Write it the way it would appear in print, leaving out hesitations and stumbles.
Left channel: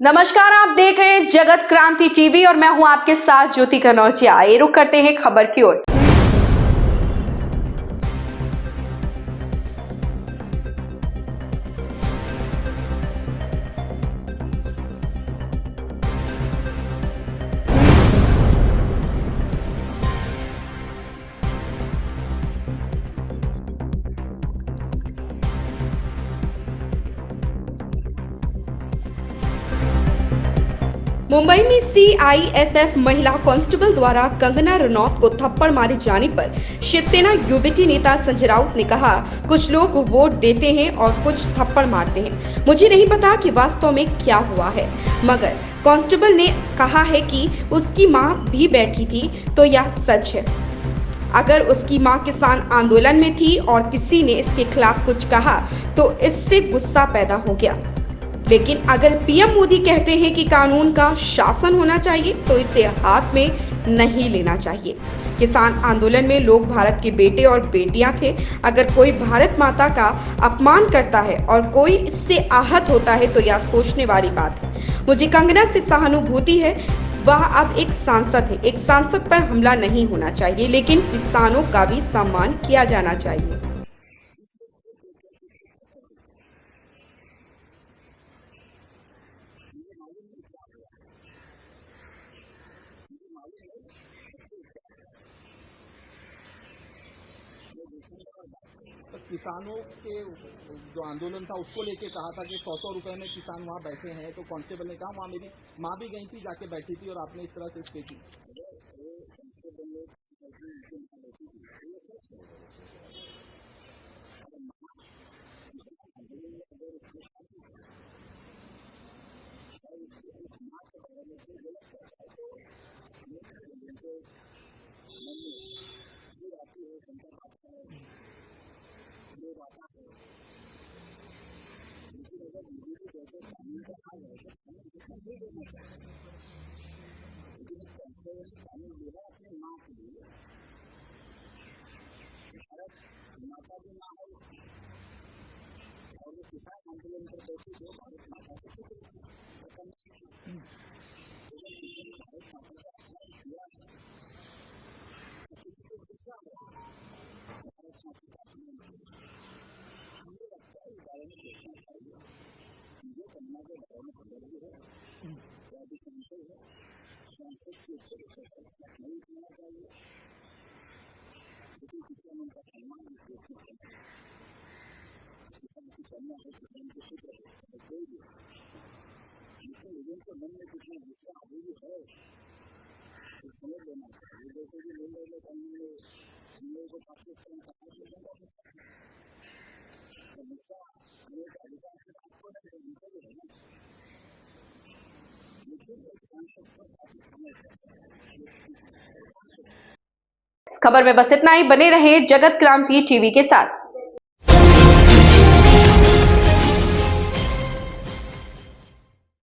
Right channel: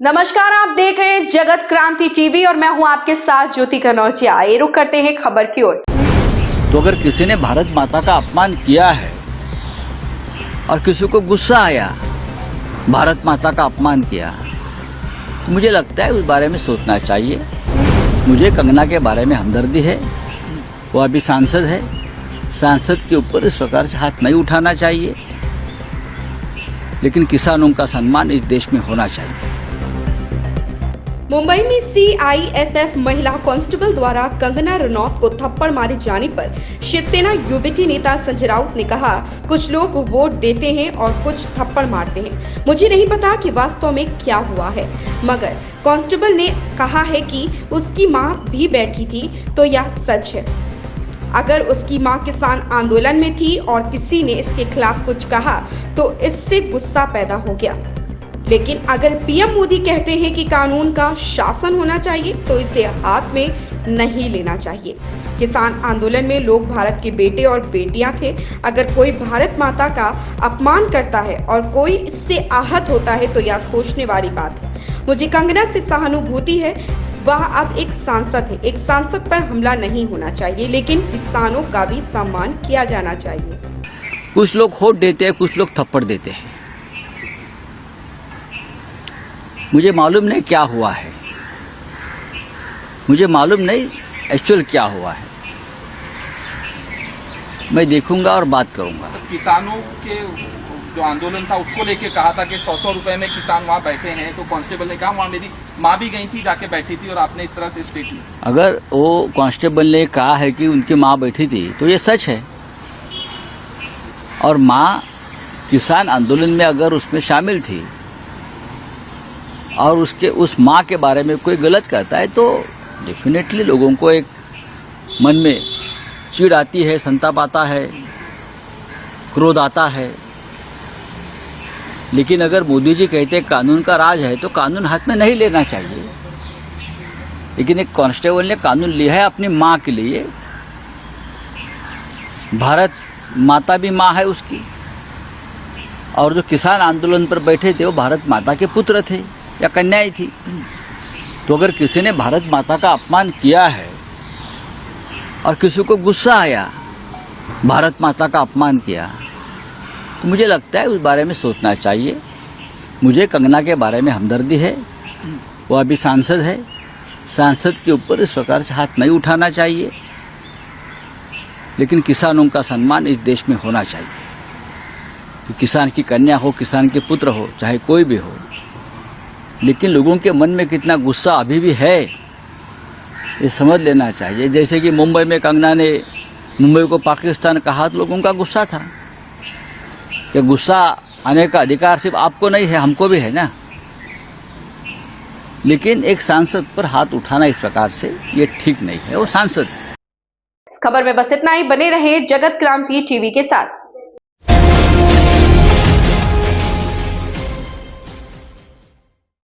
नमस्कार, आप देख रहे हैं जगत क्रांति टीवी और मैं हूं आपके साथ ज्योति कनौजिया। आइए रुक करते हैं खबर की ओर। तो अगर किसी ने भारत माता का अपमान किया है और किसी को गुस्सा आया, भारत माता का अपमान किया, तो मुझे लगता है उस बारे में सोचना चाहिए। मुझे कंगना के बारे में हमदर्दी है, वो अभी सांसद है, सांसद के ऊपर इस प्रकार से हाथ नहीं उठाना चाहिए, लेकिन किसानों का सम्मान इस देश में होना चाहिए। मुंबई में सीआईएसएफ महिला कांस्टेबल द्वारा कंगना रनौत को थप्पड़ मारे जाने पर शिवसेना यूबीटी नेता संजय राउत ने कहा, कुछ लोग वोट देते हैं और कुछ थप्पड़ मारते हैं। मुझे नहीं पता कि वास्तव में क्या हुआ है, मगर कांस्टेबल ने कहा है कि उसकी मां भी बैठी थी, तो यह सच है। अगर उसकी मां किसान आंदोलन में थी और किसी ने इसके खिलाफ कुछ कहा तो इससे गुस्सा पैदा हो गया, लेकिन अगर पीएम मोदी कहते हैं कि कानून का शासन होना चाहिए तो इसे हाथ में नहीं लेना चाहिए। किसान आंदोलन में लोग भारत के बेटे और बेटियां थे। अगर कोई भारत माता का अपमान करता है और कोई इससे आहत होता है तो यह सोचने वाली बात है। मुझे कंगना से सहानुभूति है, वह अब एक सांसद है। एक सांसद पर हमला नहीं होना चाहिए, लेकिन किसानों का भी सम्मान किया जाना चाहिए। कुछ लोग होट देते हैं, कुछ लोग थप्पड़ देते हैं। मुझे मालूम नहीं क्या हुआ है, मुझे मालूम नहीं एक्चुअल क्या हुआ है। मैं देखूंगा और बात करूंगा। किसानों के जो आंदोलन था उसको लेके कहा था कि 100 रुपए में किसान वहाँ बैठे हैं, तो कांस्टेबल ने कहा वहाँ मेरी माँ भी गई थी, जाके बैठी थी, और आपने इस तरह से स्टेटमेंट। अगर वो कांस्टेबल ने कहा है कि उनकी माँ बैठी थी तो ये सच है, और माँ किसान आंदोलन में अगर उसमें शामिल थी और उस माँ के बारे में कोई गलत कहता है तो डेफिनेटली लोगों को एक मन में चिढ़ आती है, संताप आता है, क्रोध आता है। लेकिन अगर मोदी जी कहते हैं कानून का राज है तो कानून हाथ में नहीं लेना चाहिए। लेकिन एक कांस्टेबल ने कानून लिया है अपनी माँ के लिए। भारत माता भी माँ है उसकी, और जो किसान आंदोलन पर बैठे थे वो भारत माता के पुत्र थे या कन्याएं थी। तो अगर किसी ने भारत माता का अपमान किया है और किसी को गुस्सा आया, भारत माता का अपमान किया, तो मुझे लगता है उस बारे में सोचना चाहिए। मुझे कंगना के बारे में हमदर्दी है, वो अभी सांसद है, सांसद के ऊपर इस प्रकार से हाथ नहीं उठाना चाहिए, लेकिन किसानों का सम्मान इस देश में होना चाहिए। कि किसान की कन्या हो, किसान के पुत्र हो, चाहे कोई भी हो, लेकिन लोगों के मन में कितना गुस्सा अभी भी है ये समझ लेना चाहिए। जैसे कि मुंबई में कंगना ने मुंबई को पाकिस्तान कहा तो लोगों का गुस्सा था। कि गुस्सा आने का अधिकार सिर्फ आपको नहीं है, हमको भी है ना। लेकिन एक सांसद पर हाथ उठाना इस प्रकार से ये ठीक नहीं है, वो सांसद है। इस खबर में बस इतना ही। बने रहे जगत क्रांति टीवी के साथ।